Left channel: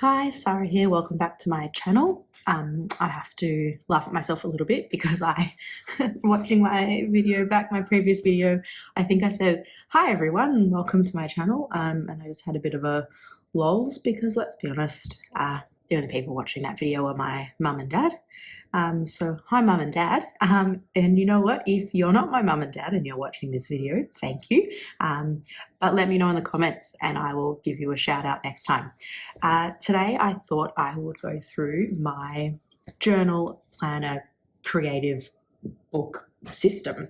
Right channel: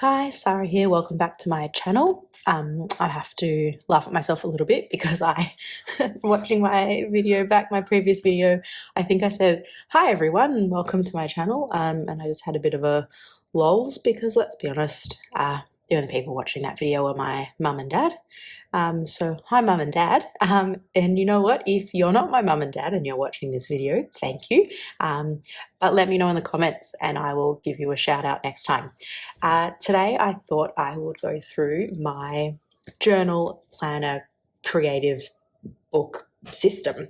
Hi, Sarah here. Welcome back to my channel. I have to laugh at myself a little bit because watching my video back, my previous video, I think I said, hi everyone, welcome to my channel. And I just had a bit of a lols because let's be honest, the only people watching that video are my mum and dad. So hi mum and dad. And you know what, if you're not my mum and dad and you're watching this video, thank you. But let me know in the comments and I will give you a shout out next time. Today I thought I would go through my journal planner creative book system.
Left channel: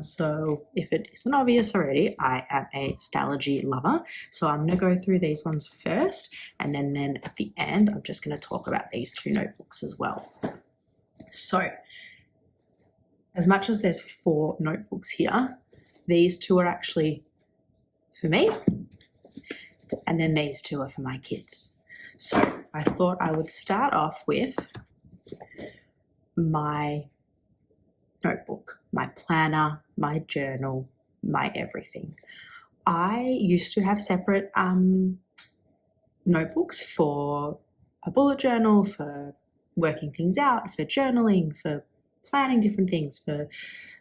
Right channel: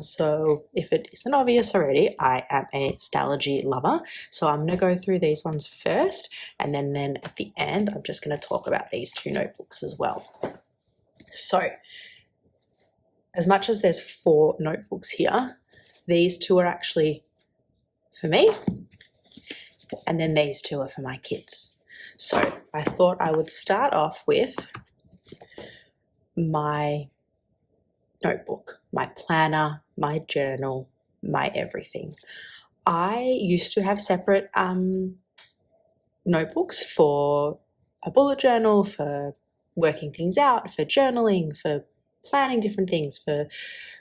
So if it isn't obvious already, I am a Stalogy lover. So I'm going to go through these ones first, and then at the end, I'm just going to talk about these two notebooks as well. So as much as there's 4 notebooks here, these 2 are actually for me, and then these 2 are for my kids. So I thought I would start off with my notebook, my planner, my journal, my everything. I used to have separate notebooks for a bullet journal, for working things out, for journaling, for planning different things, for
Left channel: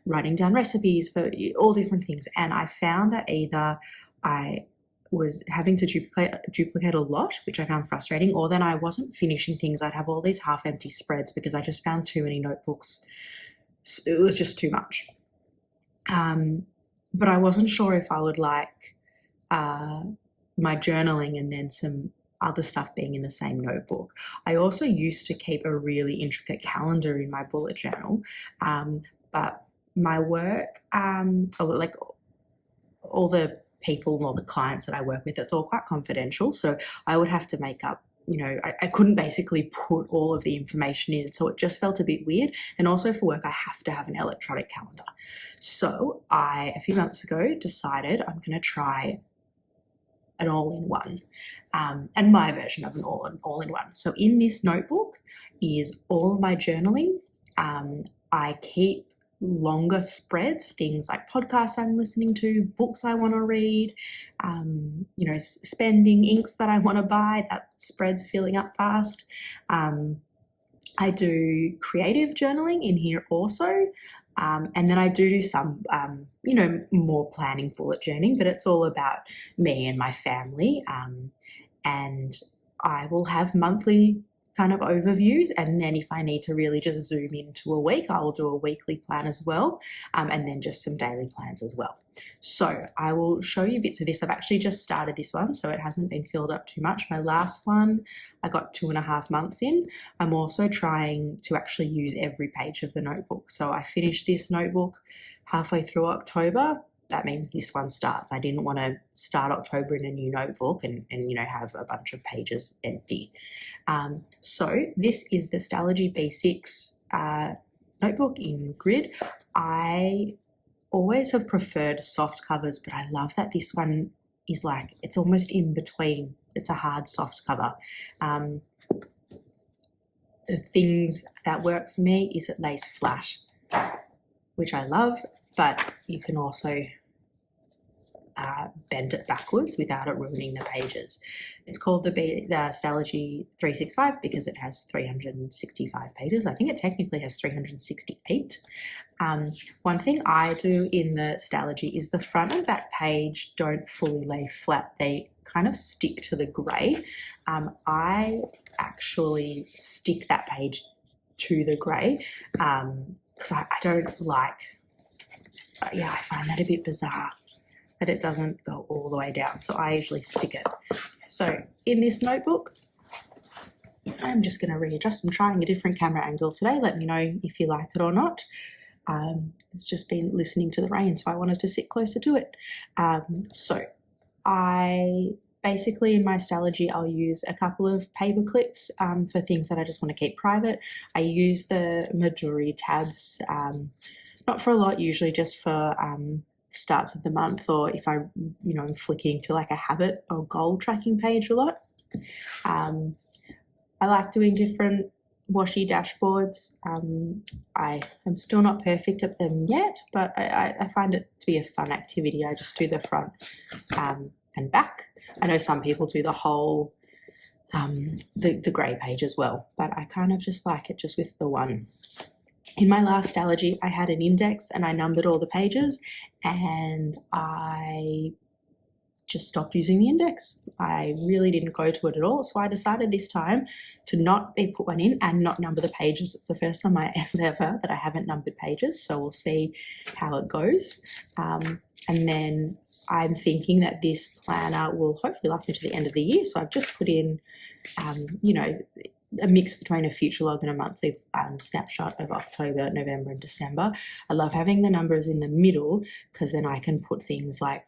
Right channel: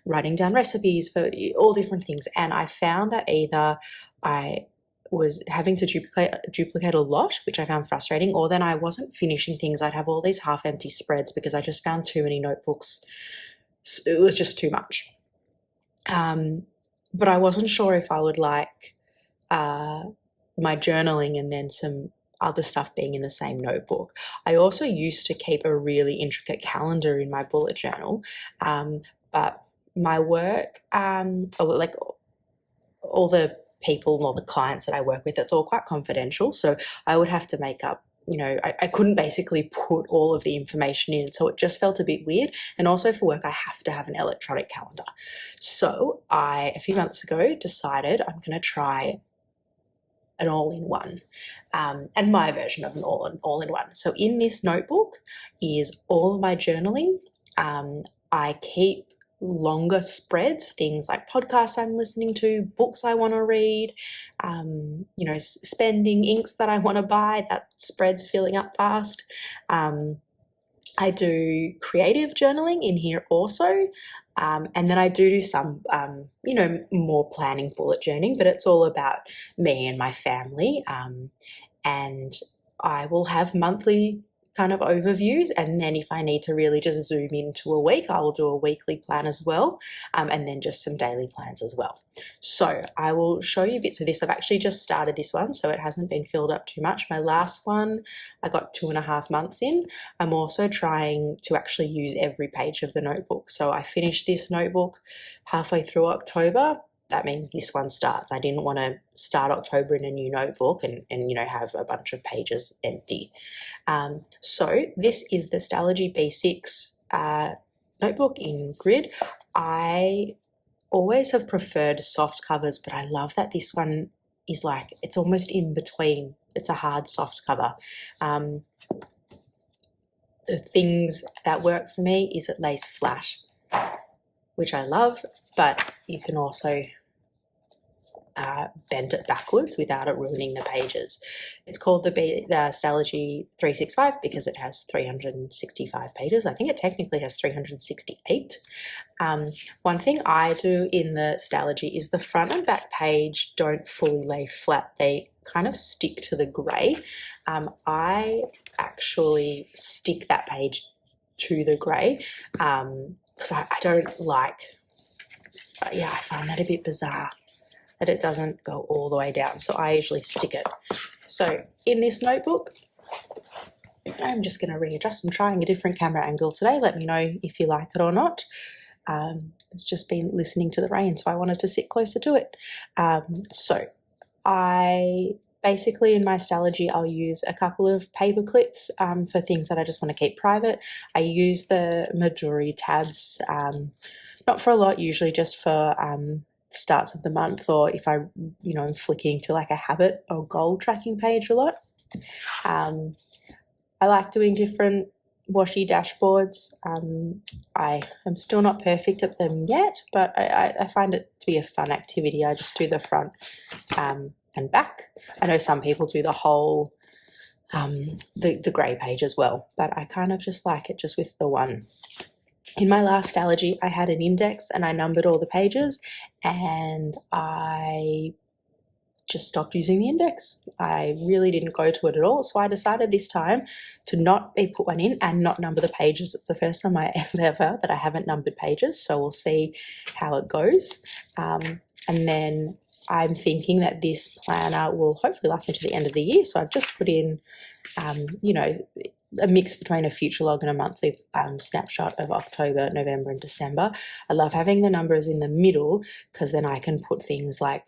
writing down recipes, for all different things. And I found that either I was having to duplicate a lot, which I found frustrating, or then I wasn't finishing things. I'd have all these half-empty spreads because I just found too many notebooks. It was just too much. But I wasn't sure if I would like my journaling and then some other stuff being in the same notebook. I also used to keep a really intricate calendar in my bullet journal, but my work, like all the people, all the clients that I work with, it's all quite confidential. So I would have to make up, I couldn't basically put all of the information in. So it just felt a bit weird. And also for work, I have to have an electronic calendar. So I, a few months ago, decided I'm going to try an all-in-one, and my version of an all-in-one. So in this notebook is all of my journaling. I keep longer spreads, things like podcasts I'm listening to, books I want to read, spending, inks that I want to buy, that spread's filling up fast. I do creative journaling in here also. And then I do some, more planning bullet journaling, but it's all about me and my family. And I will have monthly kind of overviews, and then if I need to really just zoom into a week, I will do a weekly plan as well, and then just some daily plans as well. So I will show you bits of this. I've actually just started this one, so it hasn't been filled up too much. My last one I got 2.5 months in. I'm also trying to actually use every page of the notebook. So I finished this notebook halfway through October. That means this one starts. I didn't want to start October in a new notebook and have a bunch of pages empty. So this is the Stalogy B6 notebook in grid. I always have preferred soft covers, but I love that this one is like, it's almost in between. It's a hard soft cover. The things that work for me is it lays flat, which I love, but you can also bend it backwards without it ruining the pages. It's called the Stalogy 365 because it has 365 pages. I think it technically has 368. One thing I do in the Stalogy is the front and back page don't fully lay flat. They kind of stick to the grey. I actually stick that page to the grey because I don't like, I find that a bit bizarre that it doesn't go all the way down. So I usually stick it. So in this notebook, I'm just going to readjust. I'm trying a different camera angle today. Let me know if you like it or not. It's just been listening to the rain, so I wanted to sit closer to it. So I basically, in my Stalogy, I'll use a couple of paper clips for things that I just want to keep private. I use the Midori tabs, not for a lot, usually just for starts of the month, or if I, I'm flicking to like a habit or goal tracking page a lot. I like doing different washi dashboards. I am still not perfect at them yet, but I find it to be a fun activity. I just do the front and back. I know some people do the whole the grey page as well, but I kind of just like it just with the one. In my last Allergy, I had an index and I numbered all the pages, and I just stopped using the index. I really didn't go to it at all. So I decided this time to not put one in and not number the pages. It's the first time ever that I haven't numbered pages. So we'll see how it goes. And then I'm thinking that this planner will hopefully last me to the end of the year. So I've just put in, a mix between a future log and a monthly snapshot of October, November and December. I love having the numbers in the middle because then I can put things like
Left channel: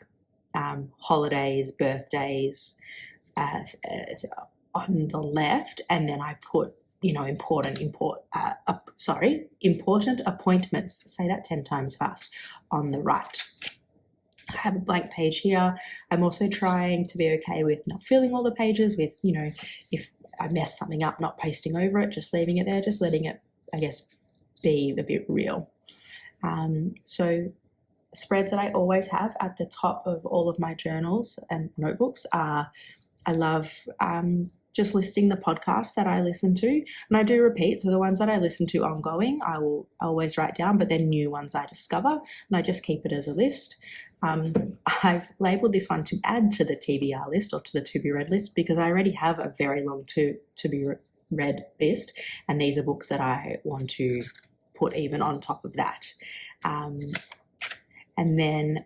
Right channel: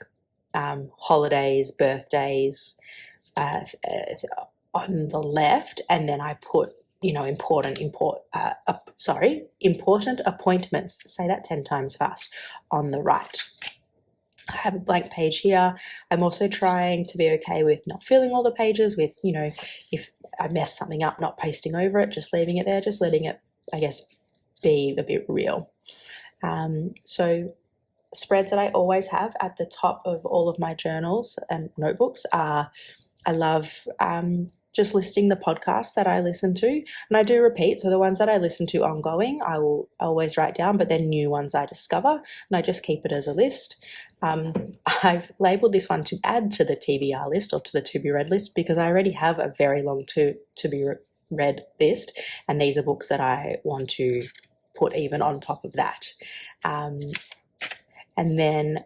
holidays, birthdays on the left, and then I put important appointments, say that 10 times fast, on the right. I have a blank page here. I'm also trying to be okay with not filling all the pages with, if I mess something up, not pasting over it, just leaving it there, just letting it, I guess, be a bit real. So spreads that I always have at the top of all of my journals and notebooks are, I love just listing the podcasts that I listen to, and I do repeat. So the ones that I listen to ongoing, I will always write down, but then new ones I discover, and I just keep it as a list. I've labelled this one to add to the TBR list or to the to be read list because I already have a very long to be read list, and these are books that I want to put even on top of that. And then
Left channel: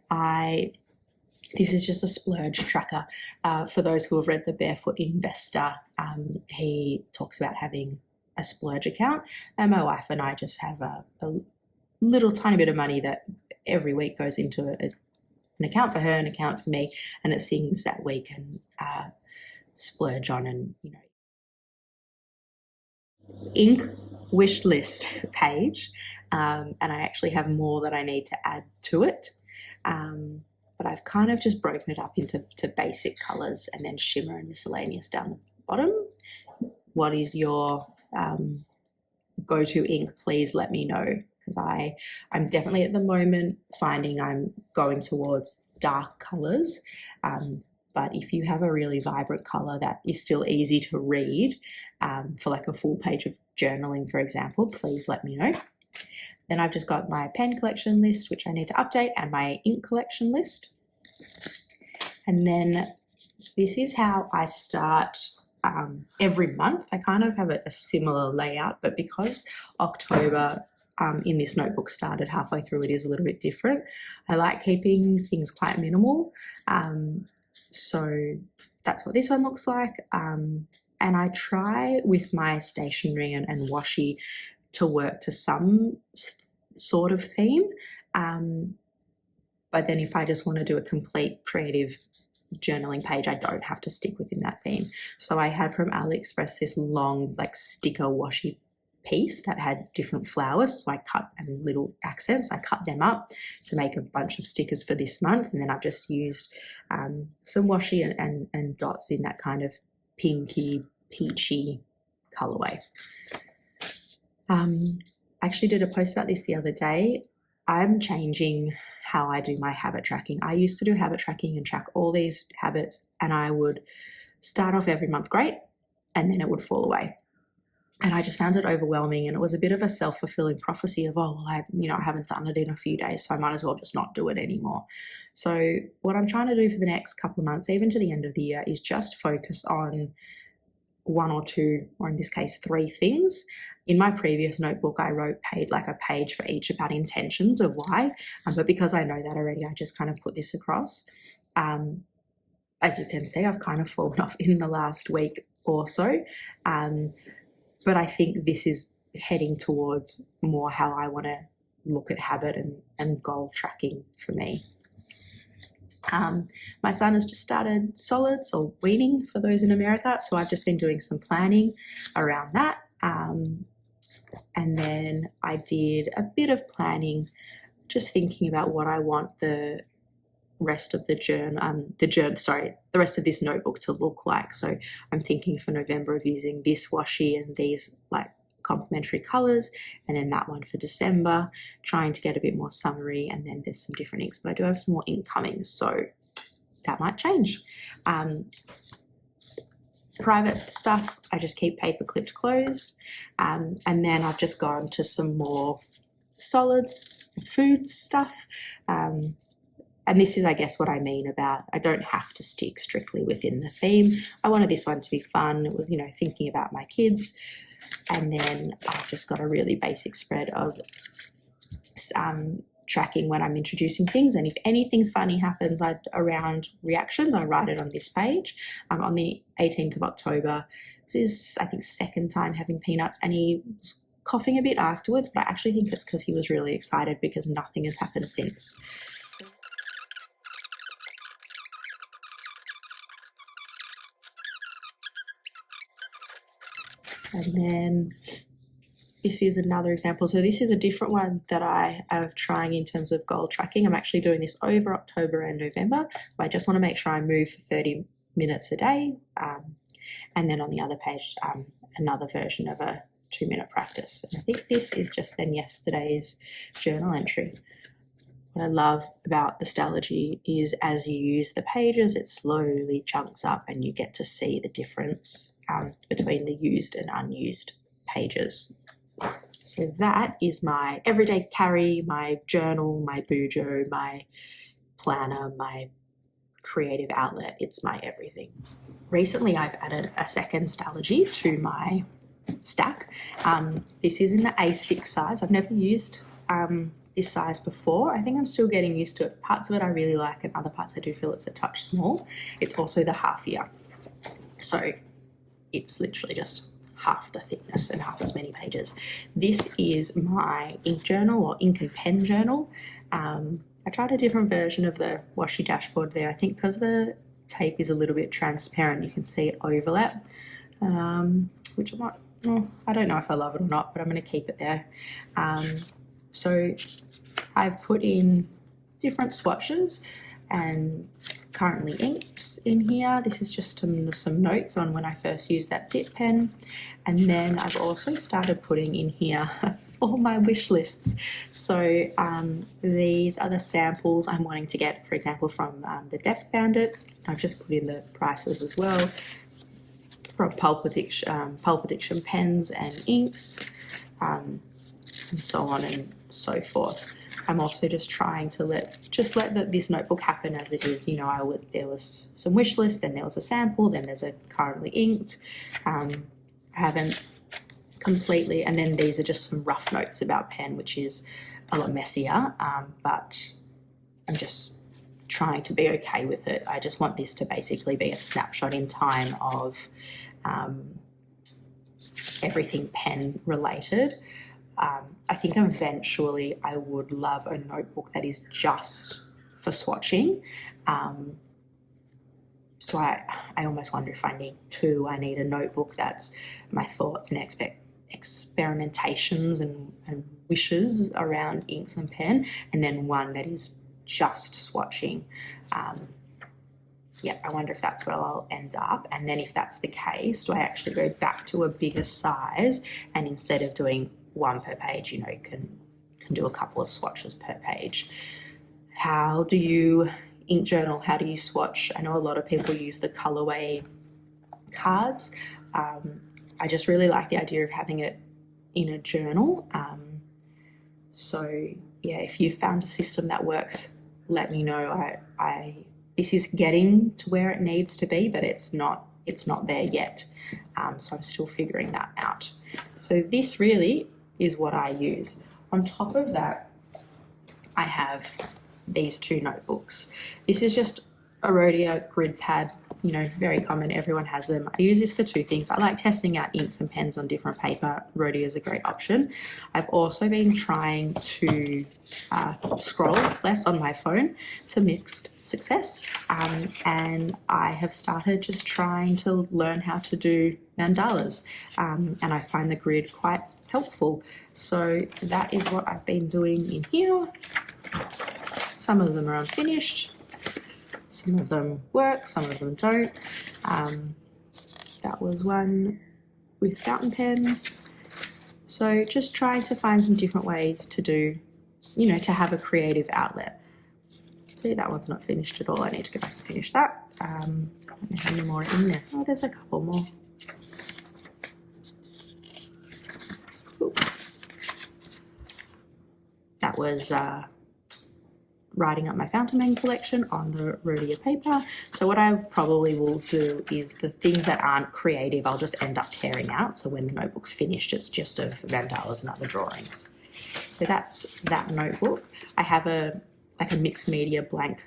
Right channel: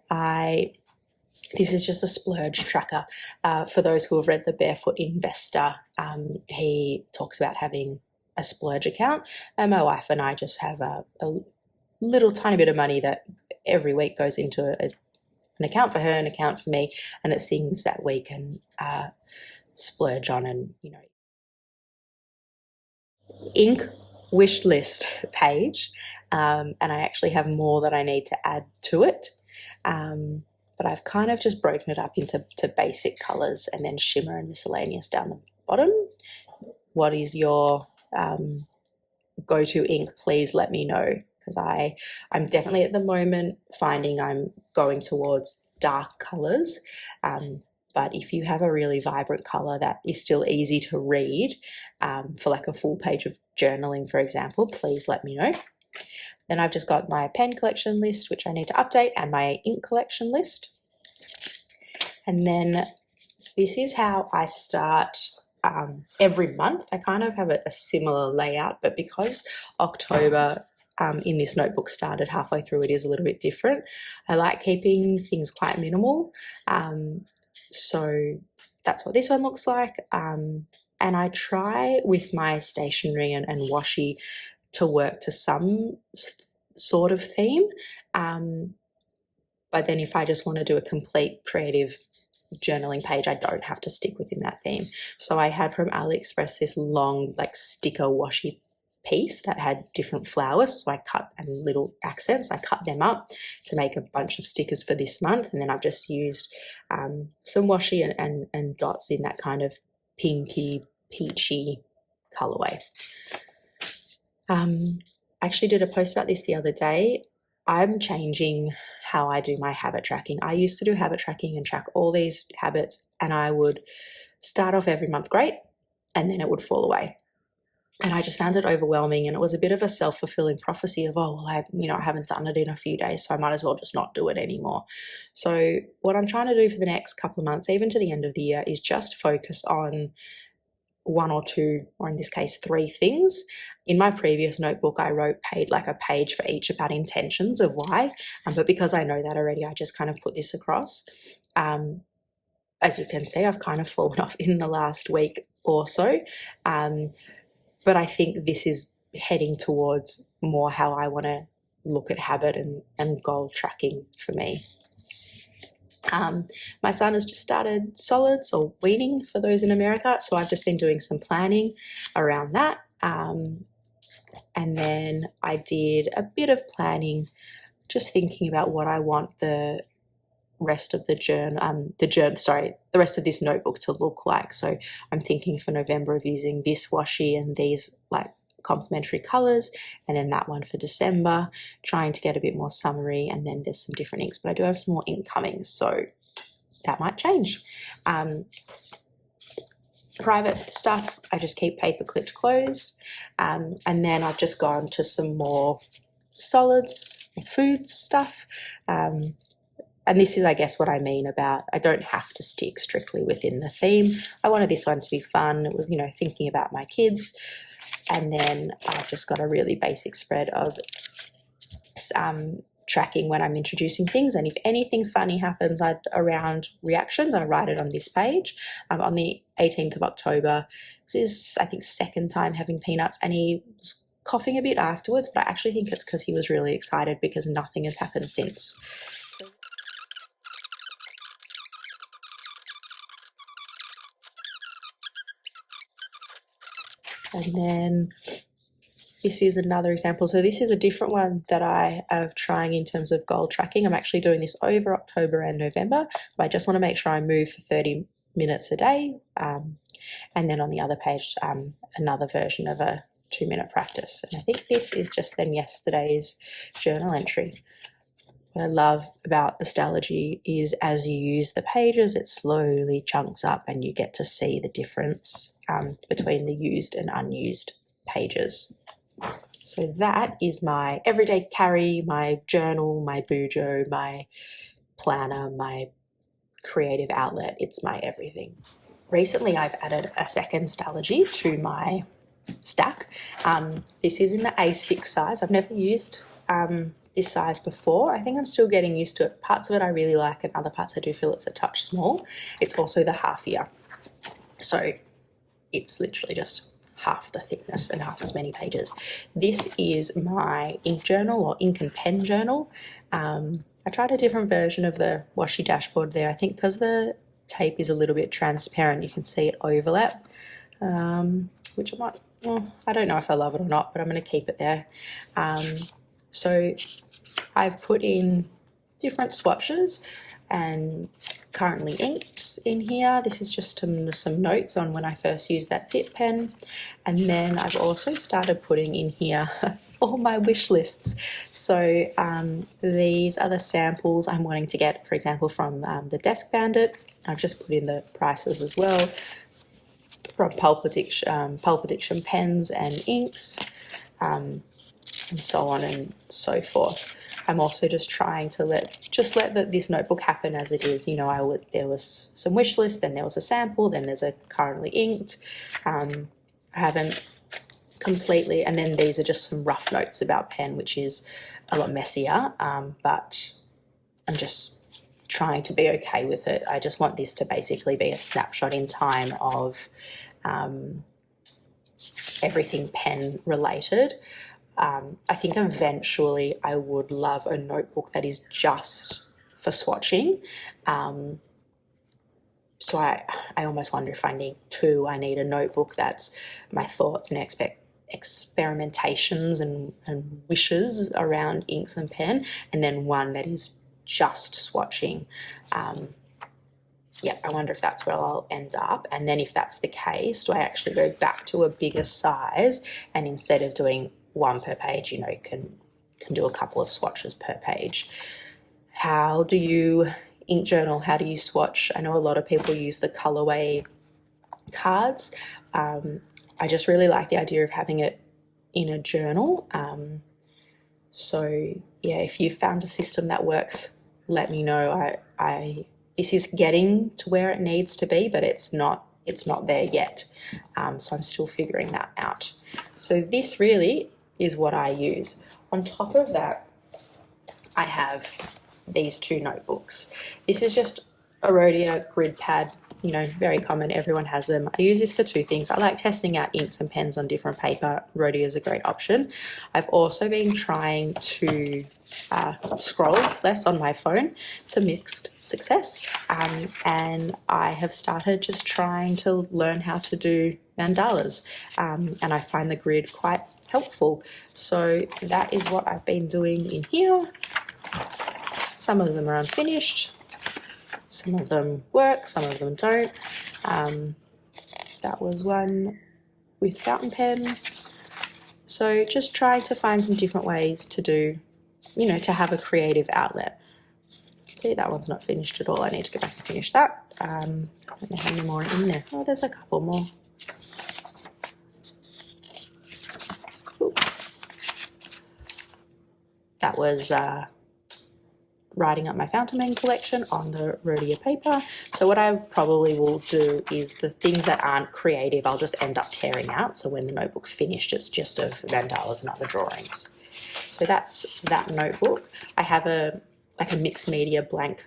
this is just a splurge tracker. For those who have read The Barefoot Investor, he talks about having a splurge account, and my wife and I just have a little tiny bit of money that every week goes into an account for her, an account for me, and it's things that we can splurge on. And ink wish list page, and I actually have more that I need to add to it, but I've kind of just broken it up into basic colours and then shimmer and miscellaneous down the bottom. What is your go-to ink? Please let me know, because I'm definitely at the moment finding I'm going towards dark colours, but if you have a really vibrant colour that is still easy to read, for like a full page of journaling, for example, please let me know. Then I've just got my pen collection list, which I need to update, and my ink collection list. And then this is how I start every month. I kind of have a similar layout, but because October in this notebook started halfway through, it is a little bit different. I like keeping things quite minimal. So that's what this one looks like. And I try with my stationery and washi to work to some sort of theme. But then if I just want to do a complete creative journaling page, I don't have to stick within that theme. So I had from AliExpress this long like sticker washi piece that had different flowers. So I cut, and little accents, I cut them up to make a bunch of stickers for this month. And then I've just used some washi and dots in that kind of pinky, peachy colorway. I actually did a post about this the other day. I'm changing how I do my habit tracking. I used to do habit tracking and track all these habits, and I would start off every month great, and then it would fall away. And I just found it overwhelming, and it was a bit of a self-fulfilling prophecy of, oh, well, I haven't done it in a few days, so I might as well just not do it anymore. So what I'm trying to do for the next couple of months, even to the end of the year, is just focus on one or two, or in this case, 3 things. In my previous notebook, I wrote a page for each about intentions of why, but because I know that already, I just kind of put this across. As you can see, I've kind of fallen off in the last week or so, but I think this is heading towards more how I want to look at habit and goal tracking for me. My son has just started solids, or weaning for those in America, so I've just been doing some planning around that. And then I did a bit of planning, just thinking about what I want the rest of the rest of this notebook to look like. So I'm thinking for November of using this washi and these like complementary colours, and then that one for December, trying to get a bit more summery, and then there's some different inks, but I do have some more ink coming, so that might change. private stuff, I just keep paper clipped clothes. And then I've just gone to some more solids, food stuff. And this is, I guess, what I mean about I don't have to stick strictly within the theme. I wanted this one to be fun. It was, you know, thinking about my kids. And then I've just got a really basic spread of tracking when I'm introducing things. And if anything funny happens around reactions, I write it on this page. On the 18th of October, this is, I think, second time having peanuts, and he was coughing a bit afterwards, but I actually think it's because he was really excited because nothing has happened since. And then this is another example. So this is a different one that I am trying in terms of goal tracking. I'm actually doing this over October and November, but I just want to make sure I move for 30 minutes a day. And then on the other page, another version of a 2-minute practice. And I think this is just then yesterday's journal entry. What I love about the Stalogy is as you use the pages, it slowly chunks up and you get to see the difference between the used and unused pages. So that is my everyday carry, my journal, my bujo, my planner, my creative outlet. It's my everything. Recently, I've added a second Stalogy to my stack. This is in the A6 size. I've never used this size before. I think I'm still getting used to it. Parts of it I really like, and other parts I do feel it's a touch small. It's also the half year, so it's literally just half the thickness and half as many pages. This is my ink journal, or ink and pen journal. I tried a different version of the washi dashboard there. I think because the tape is a little bit transparent, you can see it overlap, which I might, I don't know if I love it or not, but I'm going to keep it there. So I've put in different swatches and currently inked in here. This is just some notes on when I first used that dip pen. And then I've also started putting in here all my wish lists. So these are the samples I'm wanting to get, for example, from the Desk Bandit. I've just put in the prices as well, from Pulp Addiction pens and inks, and so on and so forth. I'm also just trying to let this notebook happen as it is. You know, there was some wish list, then there was a sample, then there's a currently inked. I haven't completely, and then these are just some rough notes about pen, which is a lot messier, but I'm just trying to be okay with it. I just want this to basically be a snapshot in time of everything pen related. I think eventually I would love a notebook that is just for swatching. So I almost wonder if I need two. I need a notebook that's my thoughts and experimentations and wishes around inks and pen, and then one that is just swatching. Yeah, I wonder if that's where I'll end up. And then if that's the case, do I actually go back to a bigger size, and instead of doing one per page, you know, can do a couple of swatches per page? How do you ink journal? How do you swatch? I know a lot of people use the colorway cards. I just really like the idea of having it in a journal. So yeah, if you found a system that works, let me know. This is getting to where it needs to be, but it's not there yet. So I'm still figuring that out. So this really is what I use. On top of that, I have these two notebooks. This is just a Rhodia grid pad, you know, very common, everyone has them. I use this for two things. I like testing out inks and pens on different paper. Rhodia is a great option. I've also been trying to scroll less on my phone, to mixed success, and I have started just trying to learn how to do mandalas, and I find the grid quite helpful. So that is what I've been doing in here. Some of them are unfinished, some of them work, some of them don't. That was one with fountain pen. So just trying to find some different ways to do, you know, to have a creative outlet. See, that one's not finished at all. I need to go back and finish that. I don't know how many more are in there. Oh, there's a couple more. Cool. That was writing up my fountain pen collection on the Rhodia paper. So what I probably will do is the things that aren't creative, I'll just end up tearing out. So when the notebook's finished, it's just of mandalas and other drawings. So that's that notebook. I have a mixed media blank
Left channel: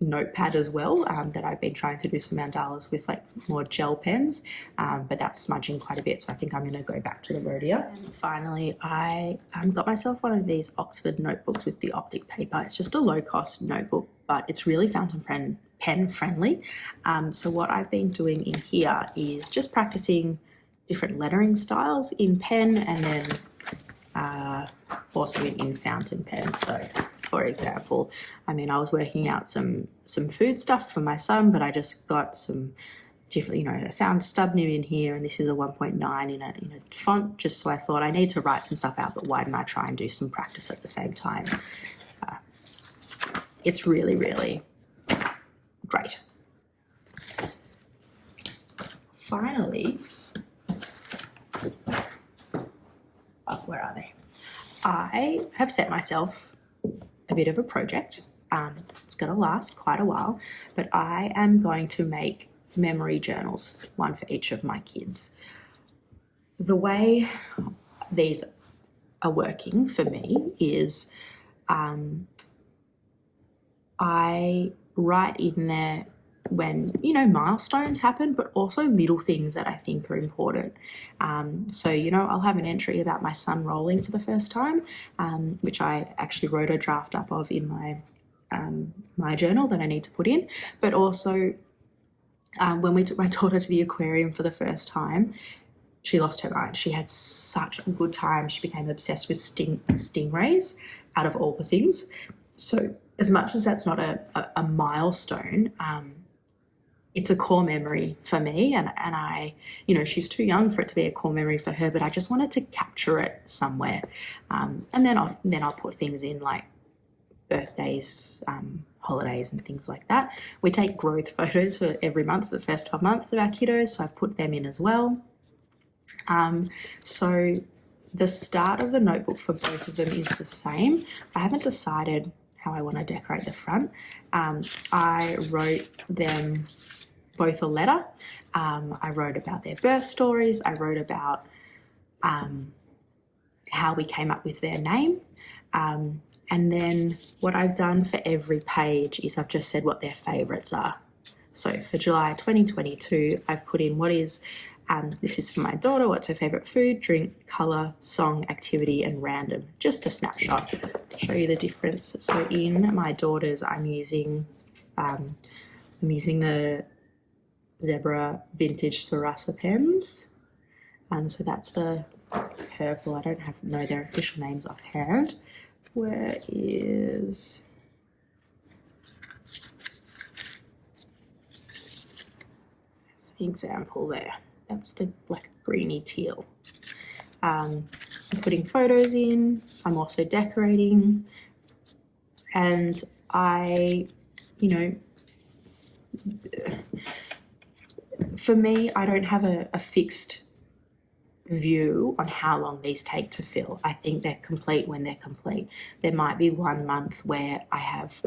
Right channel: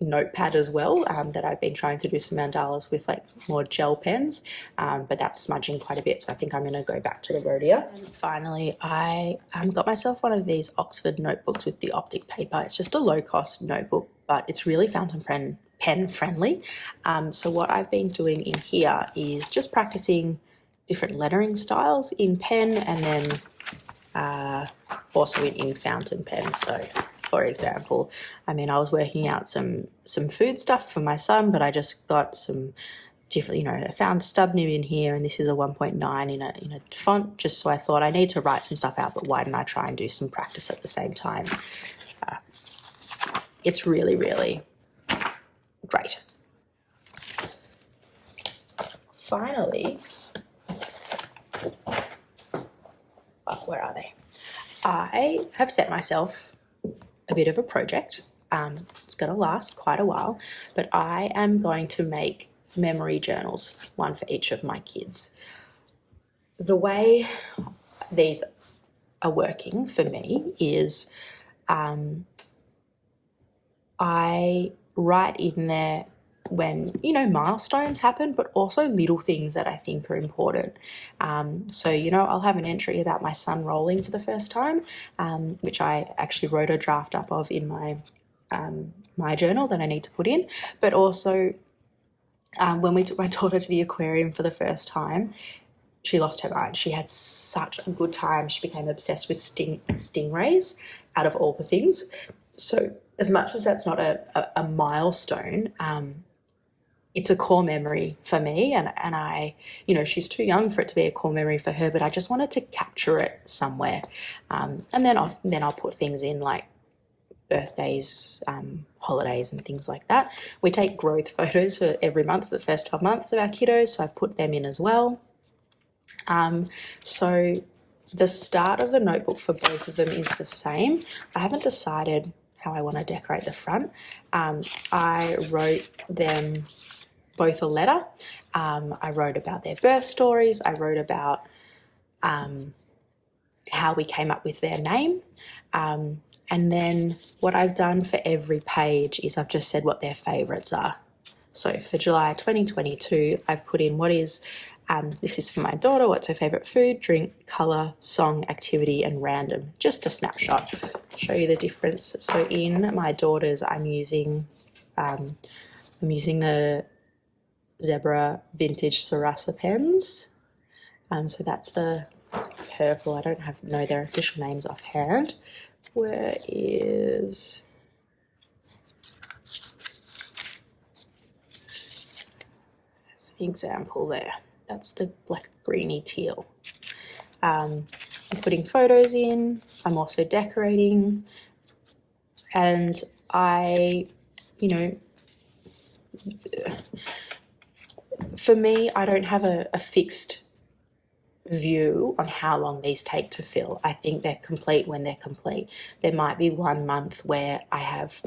notepad as well that I've been trying to do some mandalas with, like more gel pens, but that's smudging quite a bit, so I think I'm going to go back to the Rhodia. And finally, I got myself one of these Oxford notebooks with the Optik paper. It's just a low-cost notebook, but it's really fountain pen friendly. So what I've been doing in here is just practicing different lettering styles in pen, and then also in fountain pen. So for example, I mean, I was working out some food stuff for my son, but I just got some different, you know, I found stub nib in here, and this is a 1.9 in a font, just so I thought I need to write some stuff out, but why didn't I try and do some practice at the same time? It's really, really great. Finally, oh, where are they? I have set myself a bit of a project. It's going to last quite a while, but I am going to make memory journals, one for each of my kids. The way these are working for me is I write in there when, you know, milestones happen, but also little things that I think are important. So, you know, I'll have an entry about my son rolling for the first time, which I actually wrote a draft up of in my journal that I need to put in. But also when we took my daughter to the aquarium for the first time, she lost her mind. She had such a good time. She became obsessed with stingrays out of all the things. So as much as that's not a milestone, it's a core memory for me, and I, you know, she's too young for it to be a core memory for her, but I just wanted to capture it somewhere. And then I'll put things in like birthdays, holidays and things like that. We take growth photos for every month, for the first 12 months of our kiddos, so I've put them in as well. So the start of the notebook for both of them is the same. I haven't decided how I want to decorate the front. I wrote them both a letter. I wrote about their birth stories. I wrote about how we came up with their name. And then what I've done for every page is I've just said what their favourites are. So for July 2022, I've put in what is, this is for my daughter, what's her favourite food, drink, colour, song, activity and random. Just a snapshot, show you the difference. So in my daughter's, I'm using the Zebra Vintage Sarasa pens. So that's the purple. I don't know their official names offhand. Where is... There's an example there. That's the black greeny teal. I'm putting photos in. I'm also decorating. And I, you know, for me, I don't have a fixed view on how long these take to fill. I think they're complete when they're complete. There might be 1 month where I have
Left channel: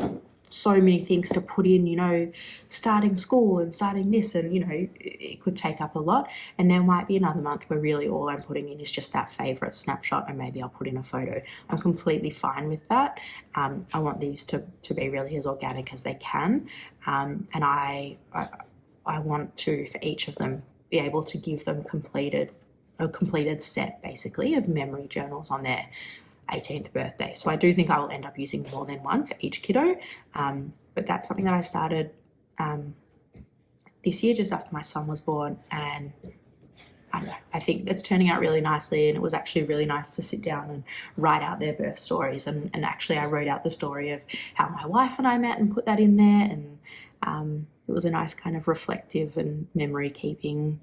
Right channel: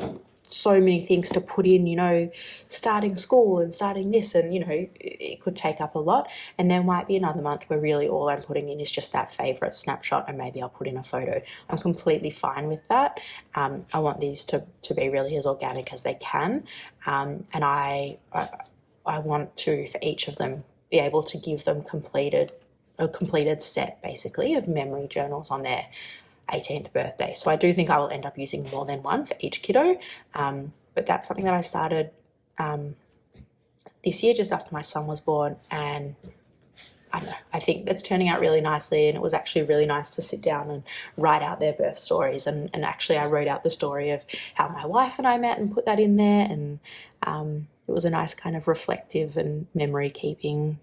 so many things to put in, you know, starting school and starting this, and, you know, it could take up a lot. And there might be another month where really all I'm putting in is just that favourite snapshot, and maybe I'll put in a photo. I'm completely fine with that. I want these to be really as organic as they can. And I want to, for each of them, be able to give them a completed set, basically, of memory journals on their 18th birthday. So I do think I will end up using more than one for each kiddo, but that's something that I started this year just after my son was born, and I don't know, I think that's turning out really nicely, and it was actually really nice to sit down and write out their birth stories, and actually I wrote out the story of how my wife and I met and put that in there, and it was a nice kind of reflective and memory keeping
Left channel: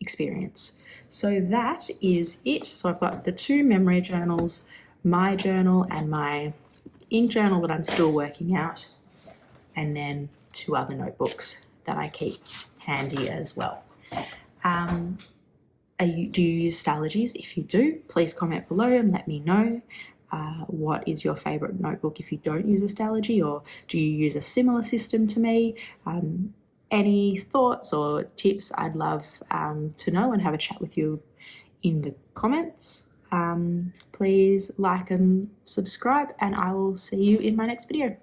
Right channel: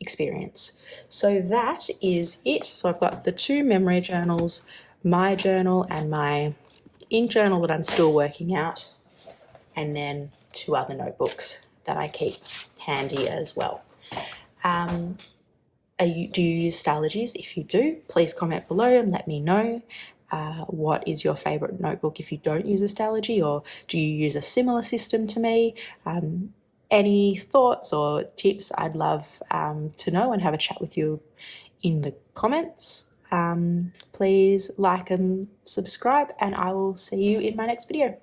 experience. So that is it. So I've got the 2 memory journals, my journal and my ink journal that I'm still working out. and then 2 other notebooks that I keep handy as well. Do you use Stalogies? If you do, please comment below and let me know. What is your favourite notebook if you don't use a Stalogy, or do you use a similar system to me? Any thoughts or tips, I'd love to know and have a chat with you in the comments. Please like and subscribe, and I will see you in my next video.